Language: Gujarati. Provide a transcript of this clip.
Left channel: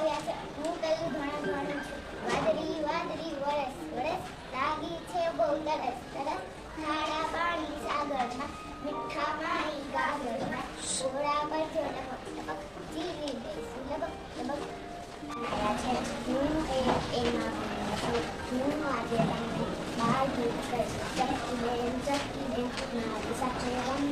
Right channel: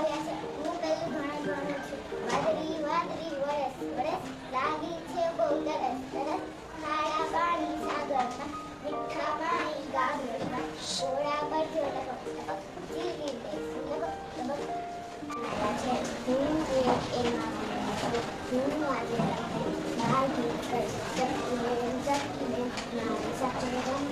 આવ્યા છે. હું કયું ઘણા ઘણું છું. વાદળી વાદળી વરસ વરસ લાગી છે બહુ તરસ તરસ. ખારા પાણી સાગરમાં મીઠા પાણી ગાગરમાં ઘોડા ભરજો ટપક ટપક જીવી બેસું લબક લબક. હું એમાં હું આજે તમને બાજુ કરી ચપકી દે મારી સાથે રમ